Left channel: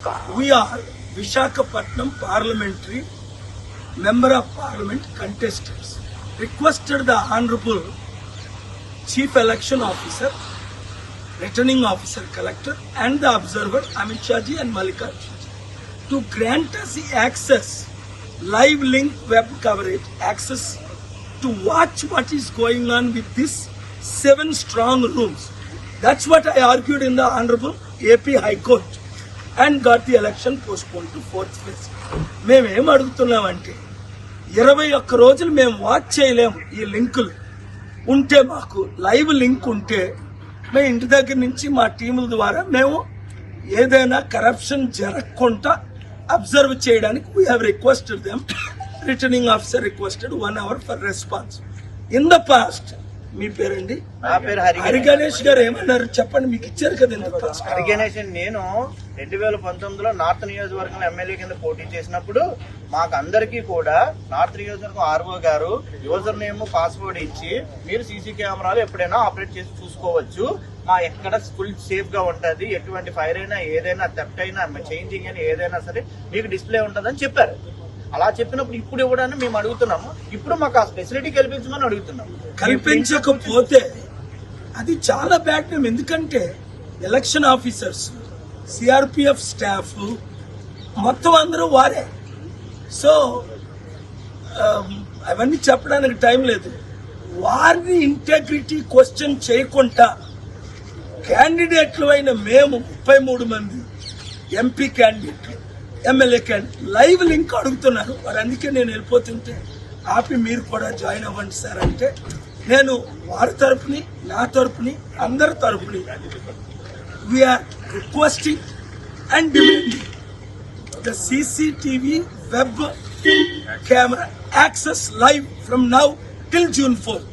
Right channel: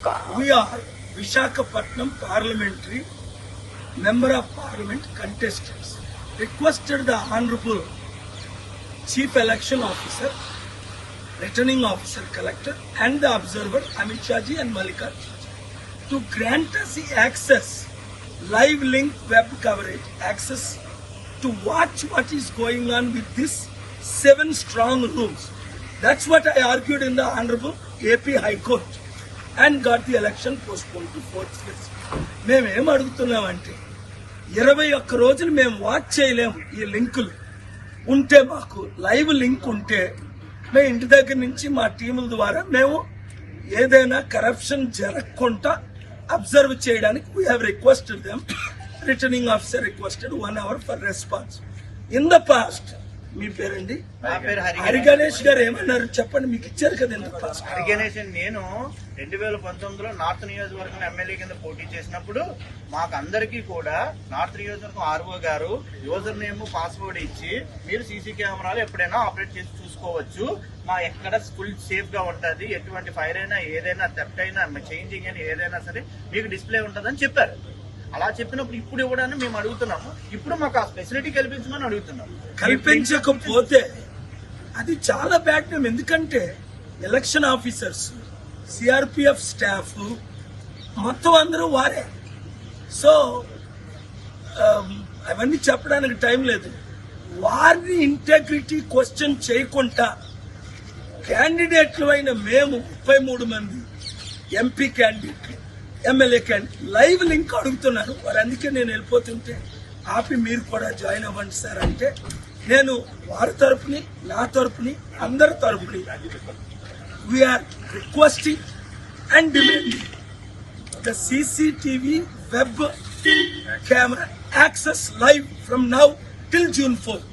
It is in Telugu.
We are Vishakhapatnam Parliamentary Member of Parliament contestants. Requested the Honorable Chief Election Officer, Returning Officer Collector and the Observer Amit Shah ji and Mallikarjun to grant us the access, live link web coverage, access to watch what is going on with these 7 strong rooms. That's what I argued in the Honorable AP High Court and got the election postponed to 4th phase. మేమేం అడుగుతున్నామంటే 21 రోజులు మేము వాచ్ చేయలేము. ఈ లింకులు ఉంటే మాకు లైవ్ లింక్ ఉంటే మేము ఇంటి దగ్గర నుంచి మా టీముల ద్వారా మేము ఏదైనా కరప్షన్ జరగకుండా అబ్జర్వ్ చేయడానికి we have requested them. Returning officer requested 1 hour for response. In the past మీ పేరండి? నా పేరు హరి గణేష్ గారు ఏమన్నారు చెప్పండి, మీకు ఇచ్చారు కదా ఎందుకు? హరి గణేష్. నేను 2019లో నార్త్ నియోజకవర్గంలో ఎమ్మెల్యే కింద పోటీ చేసినప్పుడు మాకు అందరికీ కూడా నార్త్ నియోజకవర్గం ఆర్ఓ గారు యూజర్ నేమ్ పాస్వర్డ్ ఇచ్చి మీరు సీసీ కెమెరాలు ఎప్పుడైనా ఆపరేట్ చేసి చూసుకోవచ్చు, మా ఎక్కడ ఫుల్ సేఫ్ గా ఉంటది, ఎటువంటి ఫైర్ అయినా ఏదైనా థెఫ్ట్ అయినా చేంజింగ్ అయినా ఏదైనా సరే మీకు డిస్ప్లే ఉంటదని చెప్పారు. అలా చెప్పినప్పుడు ఇప్పుడు ఇవ్వడాన్ని మేము అడుగుతున్నాము. ఇప్పుడు మాకు ఆ ఫెసిలిటీ కల్పించమని అడుగుతున్నాము. కల్పించకపోతే అది చాలా బ్యాడ్ నేమ్. ఎందుకంటే ఎలక్షన్ ఆఫీసర్స్, సిఆర్పిఎఫ్ స్టాఫ్ మొత్తం అందరూ వారే. సో అవన్నీ చెప్పడానికి టైం లేదు. వారిని ఇంటెగ్రిటీ క్వశ్చన్ చేయకుండా క్యాండిడేట్లు అయిన మేము 33 మంది ఎంపీ క్యాండిడేట్లు, ఎమ్మెల్యే క్యాండిడేట్ లైవ్ లింక్ అడుగుతున్నారు. వారు అందుకే నేను వెళ్ళిపోతుంటే ఆపి మీరు కూడా జాయిన్ అవ్వండి సార్ అంటే నేను వారి తరపుని నా తరపుని అందరి తరపుని we are requesting and demanding the CCTV web camera access live from now till June 4th.